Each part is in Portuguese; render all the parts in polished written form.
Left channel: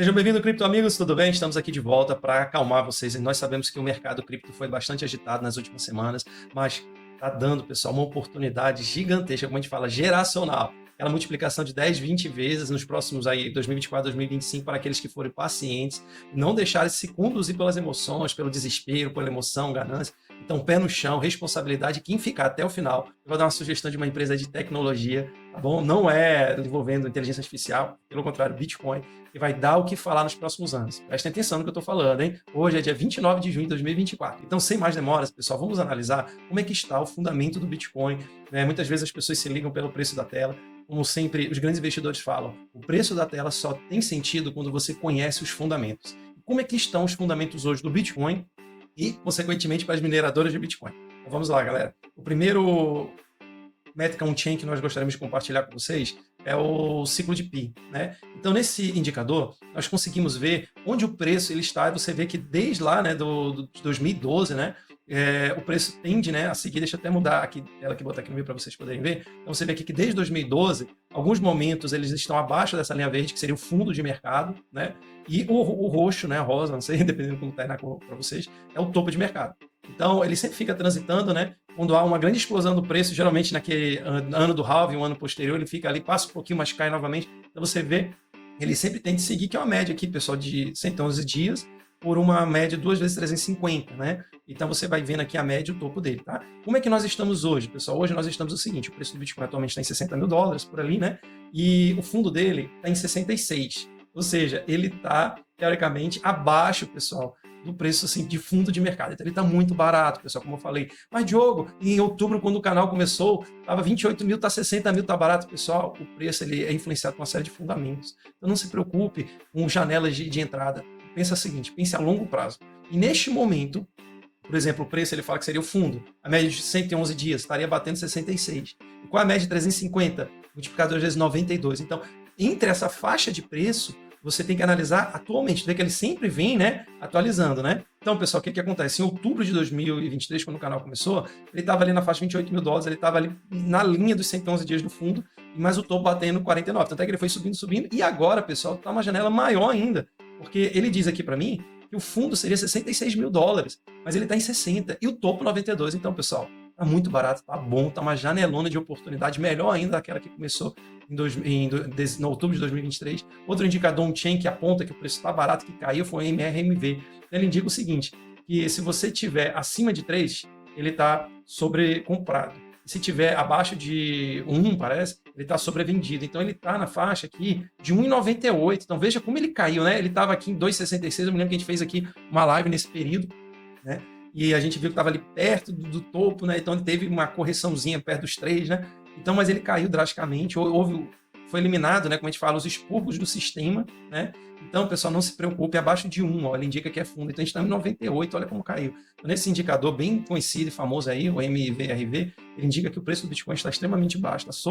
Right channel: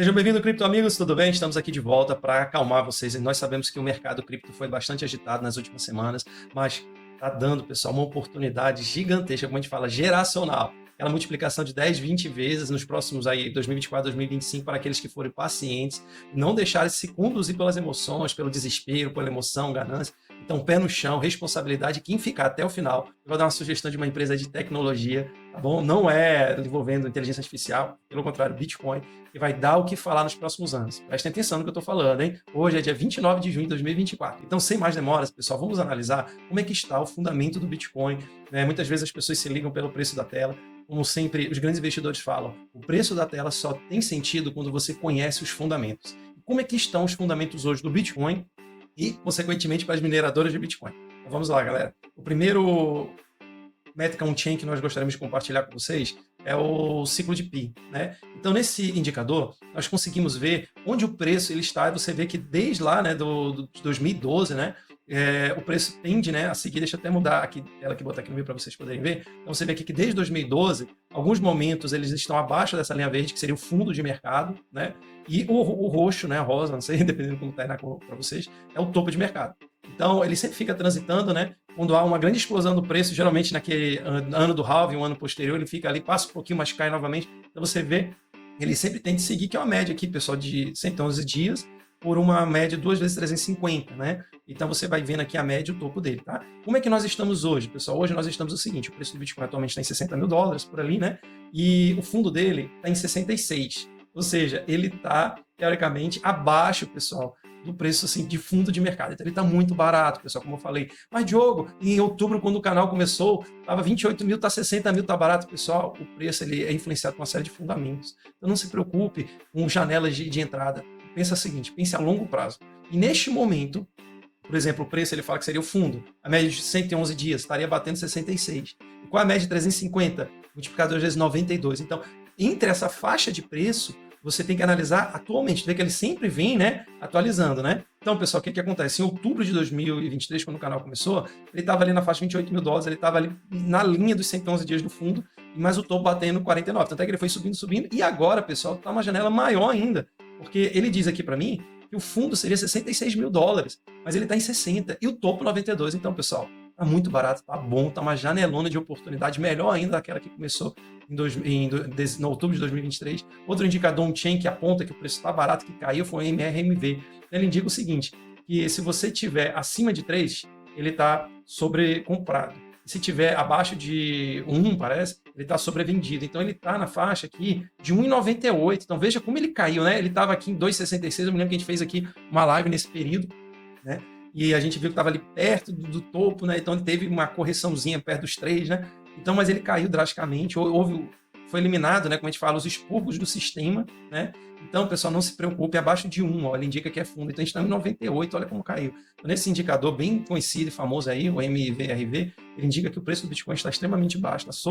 Sejam bem-vindos, cripto amigos, tudo bem? Estamos aqui de volta para acalmar vocês. Nós sabemos que o mercado cripto foi bastante agitado nas últimas semanas, mas está dando, pessoal, uma oportunidade gigantesca, como a gente fala, geracional. Aquela multiplicação de 10, 20 vezes nos próximos aí, 2024, 2025, para aqueles que forem pacientes, não deixarem se conduzir pelas emoções, pelo desespero, pela emoção, ganância. Então, pé no chão, responsabilidade, quem ficar até o final. Eu vou dar uma sugestão de uma empresa de tecnologia, tá bom? Não é envolvendo inteligência artificial, pelo contrário, Bitcoin, que vai dar o que falar nos próximos anos. Prestem atenção no que eu estou falando, hein? Hoje é dia 29 de junho de 2024. Então, sem mais demoras, pessoal, vamos analisar como é que está o fundamento do Bitcoin. Né? Muitas vezes as pessoas se ligam pelo preço da tela. Como sempre, os grandes investidores falam, o preço da tela só tem sentido quando você conhece os fundamentos. Como é que estão os fundamentos hoje do Bitcoin e, consequentemente, para as mineradoras de Bitcoin? Então, vamos lá, galera. O primeiro métrica on-chain que nós gostaríamos de compartilhar com vocês é o ciclo de Pi. Né? Então, nesse indicador, nós conseguimos ver onde o preço ele está, e você vê que desde lá, né, de 2012, né, o preço tende, né, a seguir. Deixa eu até mudar aqui, ela que botar aqui no meio para vocês poderem ver. Então, você vê aqui que desde 2012, alguns momentos eles estão abaixo dessa linha verde, que seria o fundo de mercado, né, e o roxo, né, o rosa, não sei, dependendo de como está aí para vocês, é o topo de mercado. Então, ele sempre fica transitando, né? Quando há uma grande explosão do preço, geralmente naquele ano do halving, um ano posterior, ele fica ali, passa um pouquinho, mas cai novamente. Então, você vê, ele sempre tem que seguir, que é uma média aqui, pessoal, de 111 dias, por uma média 2 vezes 350, né? Então, você vai vendo aqui a média e o topo dele, tá? Como é que nós estamos hoje, pessoal? Hoje nós estamos o seguinte, o preço do Bitcoin atualmente está em $60 mil, por ali, né? E o fundo dele está em 66. Ou seja, ele está, teoricamente, abaixo, pessoal, do preço assim, de fundo de mercado. Então ele está muito barato, pessoal, como eu falei. Mas, Diogo, em outubro, quando o canal começou, estava 28 mil, está 60 mil, está barato, pessoal. O preço ele é influenciado por uma série de fundamentos. Então não se preocupe com janelas de entrada. Pensa o seguinte, pense a longo prazo. E neste momento, por exemplo, o preço ele fala que seria o fundo. A média de 111 dias estaria batendo 66. E com a média de 350, multiplicado vezes 92. Então, entre essa faixa de preço, você tem que analisar atualmente. Vê que ele sempre vem, né, atualizando, né? Então, pessoal, o que acontece? Em outubro de 2023, quando o canal começou, ele estava ali na faixa de 28 mil dólares, ele estava ali na linha dos 111 dias do fundo, mas o topo batendo 49. Tanto é que ele foi subindo, subindo. E agora, pessoal, está uma janela maior ainda. Porque ele diz aqui para mim que o fundo seria 66 mil dólares, mas ele está em 60 e o topo 92. Então, pessoal, tá muito barato, tá bom, tá uma janelona de oportunidade, melhor ainda daquela que começou no outubro de 2023. Outro indicador on-chain que aponta que o preço está barato, que caiu, foi o MRMV. Ele indica o seguinte, que se você tiver acima de 3, ele está sobrecomprado. Se tiver abaixo de 1, parece, ele está sobrevendido. Então ele está na faixa aqui de 1,98. Então veja como ele caiu, né? Ele estava aqui em 2,66. Eu me lembro que a gente fez aqui uma live nesse período, né? E a gente viu que estava ali perto do topo, né? Então ele teve uma correçãozinha perto dos 3, né? Então, mas ele caiu drasticamente, foi eliminado, né? Como a gente fala, os expurgos do sistema, né? Então, pessoal, não se preocupe, abaixo de 1, ó, ele indica que é fundo. Então, a gente está em 98, olha como caiu. Então, nesse indicador bem conhecido e famoso aí, o MVRV, ele indica que o preço do Bitcoin está extremamente baixo, está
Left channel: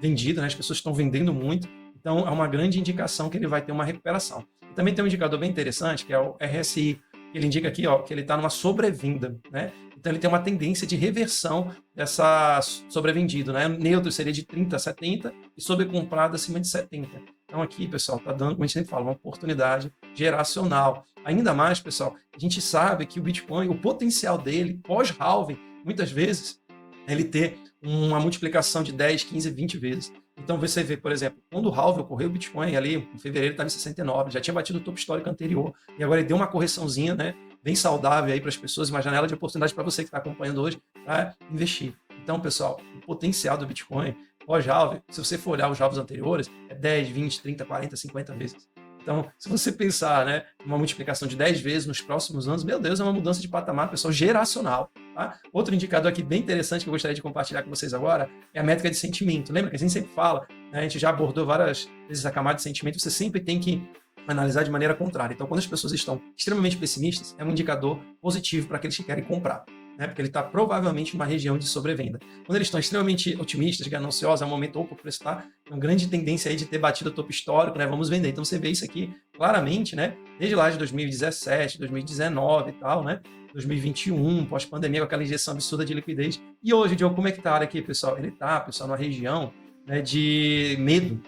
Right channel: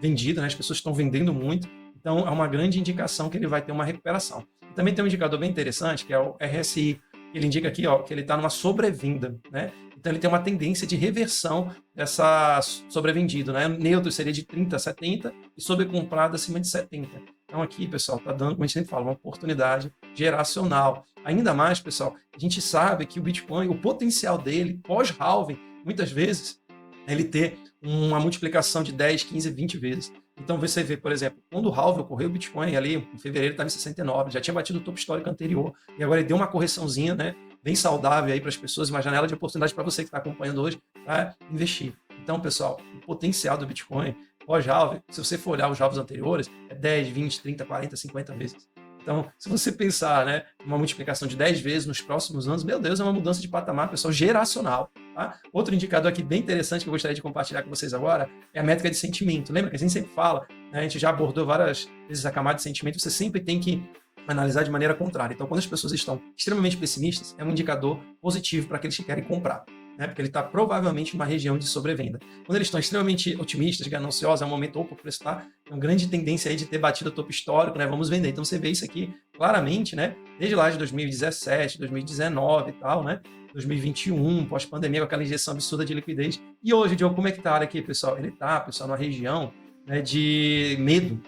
vendido, né? As pessoas estão vendendo muito. Então, é uma grande indicação que ele vai ter uma recuperação. Também tem um indicador bem interessante, que é o RSI. Ele indica aqui, ó, que ele está numa sobrevenda, né? Então ele tem uma tendência de reversão dessa sobrevendida, né? Neutro seria de 30 a 70 e sobrecomprado acima de 70. Então aqui, pessoal, está dando, como a gente sempre fala, uma oportunidade geracional. Ainda mais, pessoal, a gente sabe que o Bitcoin, o potencial dele, pós-halving, muitas vezes, ele ter uma multiplicação de 10, 15, 20 vezes. Então você vê, por exemplo, quando o halving ocorreu, o Bitcoin ali, em fevereiro estava em 69, já tinha batido o topo histórico anterior, e agora ele deu uma correçãozinha, né, bem saudável aí para as pessoas, uma janela de oportunidade para você que está acompanhando hoje, para investir. Então, pessoal, o potencial do Bitcoin, pós-halving, se você for olhar os halvings anteriores, é 10, 20, 30, 40, 50 vezes. Então, se você pensar, né, uma multiplicação de 10 vezes nos próximos anos, meu Deus, é uma mudança de patamar, pessoal, geracional. Tá? Outro indicador aqui bem interessante que eu gostaria de compartilhar com vocês agora é a métrica de sentimento. Lembra que a gente sempre fala, né, a gente já abordou várias vezes a camada de sentimento, você sempre tem que analisar de maneira contrária. Então, quando as pessoas estão extremamente pessimistas, é um indicador positivo para aqueles que querem comprar. Né? Porque ele está provavelmente em uma região de sobrevenda. Quando eles estão extremamente otimistas, gananciosos, é um momento, opa, o preço está com grande tendência aí de ter batido o topo histórico, né? Vamos vender. Então você vê isso aqui claramente, né? Desde lá de 2017, 2019 e tal, né? 2021, pós-pandemia, com aquela injeção absurda de liquidez. E hoje, Diogo, como é que tá aqui, pessoal? Ele tá, pessoal, numa região, né, de medo.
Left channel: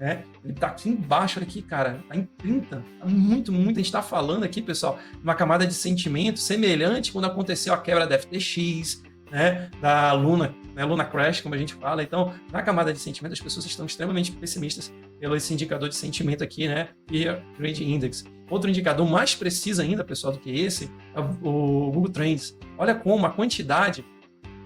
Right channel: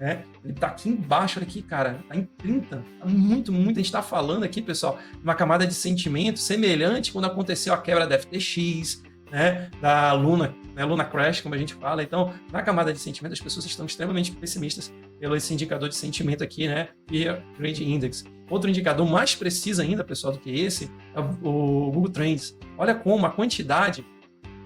né? Ele está aqui embaixo, olha aqui, cara, está em 30. Muito, muito. A gente está falando aqui, pessoal, de uma camada de sentimento semelhante quando aconteceu a quebra da FTX, né? Da Luna, né? Luna Crash, como a gente fala. Então, na camada de sentimento, as pessoas estão extremamente pessimistas pelo esse indicador de sentimento aqui, né? Fear Trade Index. Outro indicador mais preciso ainda, pessoal, do que esse é o Google Trends. Olha como a quantidade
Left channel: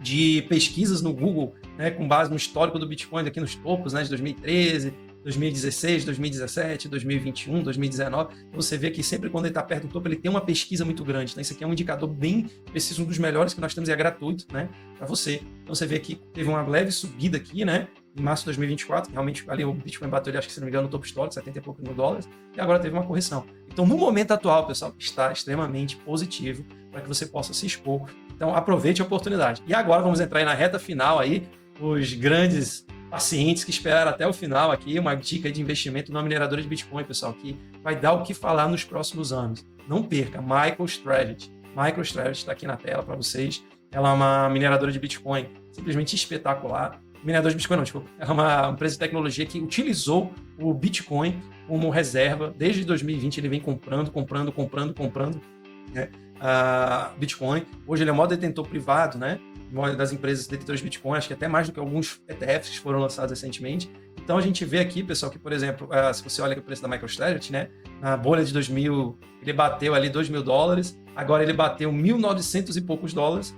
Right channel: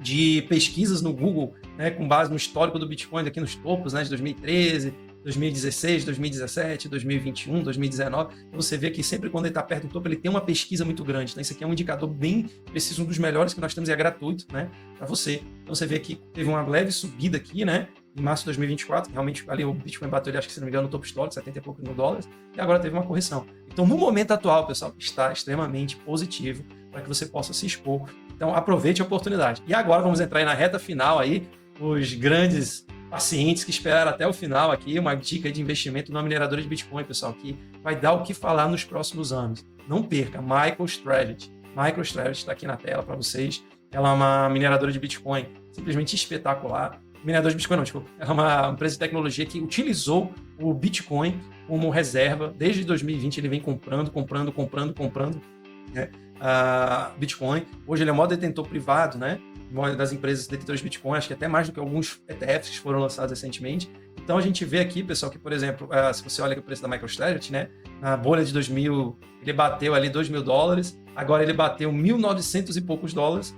de pesquisas no Google, né, com base no histórico do Bitcoin aqui nos topos, né, de 2013, 2016, 2017, 2021, 2019, você vê que sempre quando ele está perto do topo, ele tem uma pesquisa muito grande. Então, esse aqui é um indicador bem preciso, um dos melhores que nós temos, e é gratuito, né, para você. Então, você vê que teve uma leve subida aqui, né, em março de 2024, realmente ali o Bitcoin bateu, acho que se não me engano, no topo histórico, 70 e poucos mil dólares, e agora teve uma correção. Então, no momento atual, pessoal, está extremamente positivo para que você possa se expor. Então, aproveite a oportunidade. E agora vamos entrar aí na reta final aí, os grandes pacientes que esperaram até o final aqui, uma dica de investimento numa mineradora de Bitcoin, pessoal, que vai dar o que falar nos próximos anos. Não perca, MicroStrategy. MicroStrategy está aqui na tela para vocês. Ela é uma mineradora de Bitcoin simplesmente espetacular. Mineradora de Bitcoin não, desculpa. Ela é uma empresa de tecnologia que utilizou o Bitcoin como reserva. Desde 2020 ele vem comprando, né, Bitcoin. Hoje ele é o maior detentor privado, né, das empresas detentoras de Bitcoin, acho que até mais do que alguns ETFs que foram lançados recentemente. Então a gente vê aqui, pessoal, que, por exemplo, se você olha o preço da MicroStrategy, né, na bolha de 2000, ele bateu ali $2.000, agora ele bateu 1.900 e poucos dólares,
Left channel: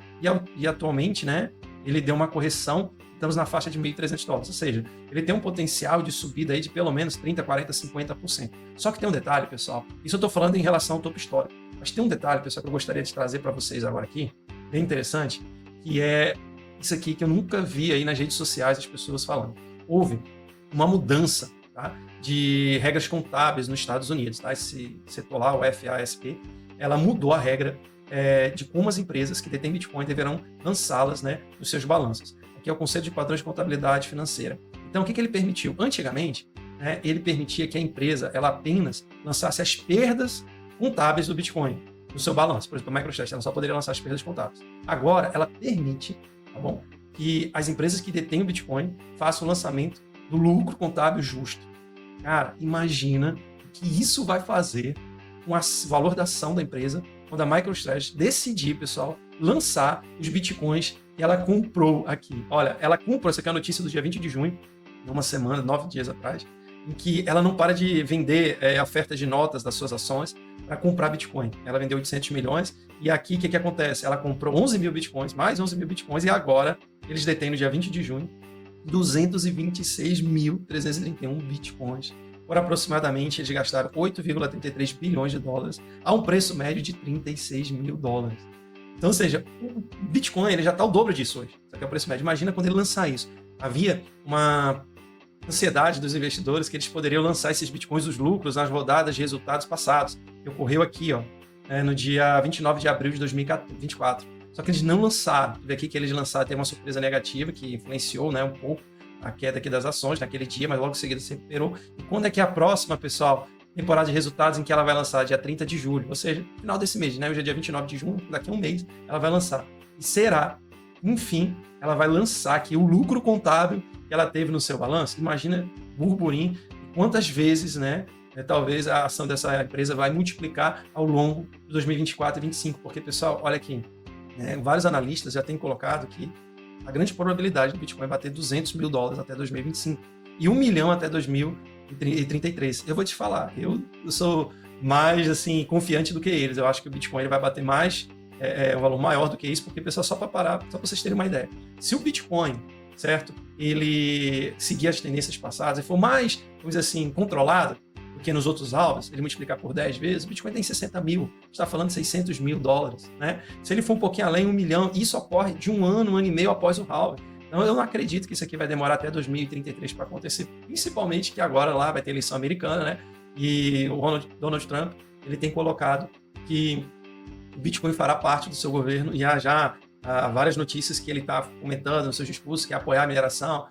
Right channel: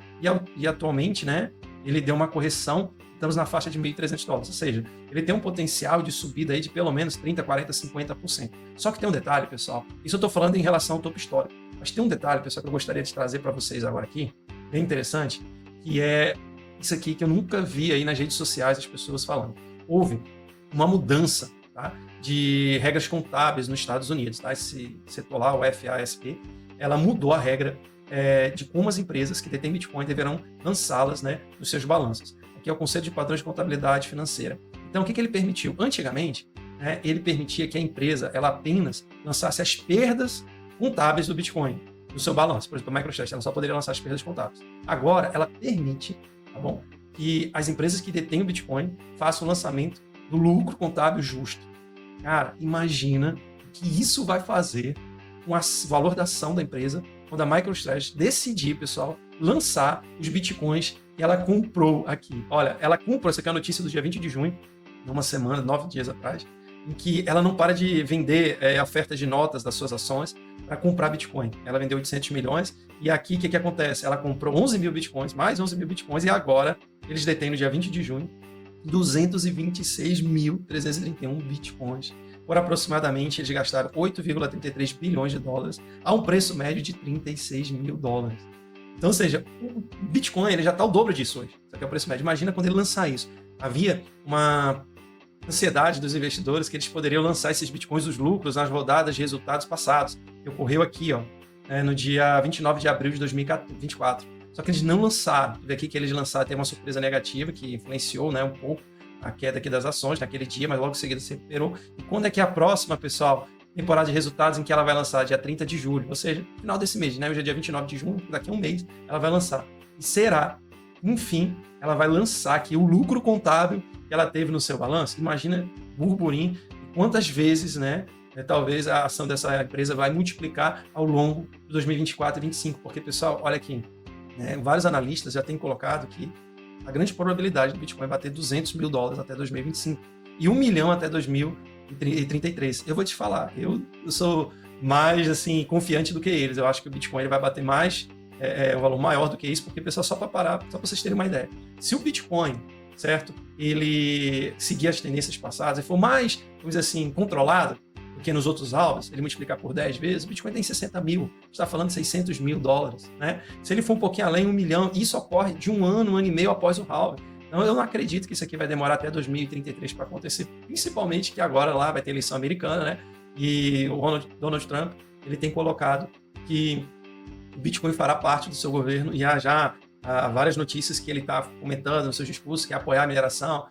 e atualmente, né, ele deu uma correção, estamos na faixa de $1.300, ou seja, ele tem um potencial de subida aí de pelo menos 30%, 40%, 50%. Só que tem um detalhe, pessoal, isso eu estou falando em relação ao topo histórico, mas tem um detalhe, pessoal, que eu gostaria de trazer para vocês agora aqui, bem interessante, que é isso aqui que eu nunca vi aí nas redes sociais as pessoas falando. Houve uma mudança, tá, de regras contábeis nos Estados Unidos. Tá? Esse setor lá, o FASB, ela mudou a regra de como as empresas que detêm Bitcoin deverão lançá-las, né, nos seus balanços. Aqui é o Conselho de Padrões de Contabilidade Financeira. Então, o que ele permitiu? Antigamente, né, ele permitia que a empresa ela apenas lançasse as perdas contábeis do Bitcoin no seu balanço. Por exemplo, a MicroStrategy ela só poderia lançar as perdas contábeis. Agora, ela permite, tá bom, que as empresas que detêm o Bitcoin façam o lançamento do lucro contábil justo. Cara, imagina o que isso vai fazer com o valor da ação da empresa quando a MicroStrategy decidir, pessoal, lançar os Bitcoins que ela comprou aqui. Olha, ela comprou, essa aqui é a notícia do dia 20 de junho, uma semana, 9 dias atrás, em que ela não para de vender ofertas de notas das suas ações para comprar Bitcoin. Ela vendeu 800 milhões e aqui o que acontece? Ela comprou 11 mil Bitcoins, mais 11 mil Bitcoins, e agora eles detêm no dia 20 de junho 226.331 Bitcoins. Por aproximadamente, eles gastaram 8,33 bilhões de dólares a um preço médio de 36 mil dólares. Então, ou seja, o Bitcoin ele já está o dobro disso hoje. Isso aqui é o preço médio. Imagina quando ele lançar isso. Havia uma ansiedade dos investidores que eles poderiam lançar esses Bitcoins, os lucros, nas rodadas de resultados passados. Que ocorreu aqui, ó, no dia 29 de abril de 2024. Só que eles não lançaram. Daqui que eles lançaram tem uma surpresa negativa que influenciou, né, um pouco a queda aqui das ações naquele dia, mas logo em seguida se recuperou. E quando é que é a próxima, pessoal? Temporada de resultados em que ela vai lançar dia 30 de julho, ou seja, final desse mês, né? Hoje é dia 29 de junho, daqui a um mês ela vai lançar. E será, enfim, ela vai lançar aqui o lucro contábil que ela teve no seu balanço. Imagina, burburinho, quantas vezes, né? Talvez a ação dessa empresa vai multiplicar ao longo de 2024 e 2025, porque, pessoal, olha aqui, vários analistas já têm colocado que a grande probabilidade do Bitcoin bater 200 mil dólares até 2025 e 1 milhão até 2033. Eu vou te falar, eu sou mais assim confiante do que eles. Eu acho que o Bitcoin vai bater mais, um valor maior do que isso, porque, pessoal, só para parar, só para vocês terem uma ideia. Se o Bitcoin, certo, ele seguir as tendências passadas e for mais, vamos dizer assim, controlado, porque nos outros alvos, ele multiplicar por 10 vezes, o Bitcoin tem 60 mil, está falando de 600 mil dólares, né? Se ele for um pouquinho além, 1 milhão, isso ocorre de um ano e meio após o halving. Então eu não acredito que isso aqui vai demorar até 2033 para acontecer, principalmente que agora lá vai ter eleição americana, né? E o Donald Trump, ele tem colocado que o Bitcoin fará parte do seu governo, e há várias notícias que ele está comentando nos seus discursos, que é apoiar a mineração,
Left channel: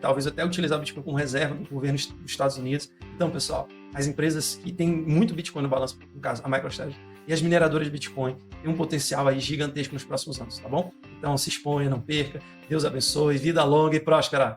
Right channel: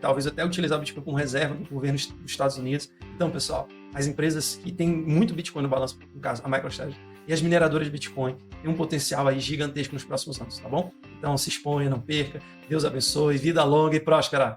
talvez até utilizar o Bitcoin como reserva do governo dos Estados Unidos. Então, pessoal, as empresas que têm muito Bitcoin no balanço, no caso, a MicroStrategy, e as mineradoras de Bitcoin têm um potencial aí gigantesco nos próximos anos, tá bom? Então, se exponha, não perca, Deus abençoe, vida longa e próspera!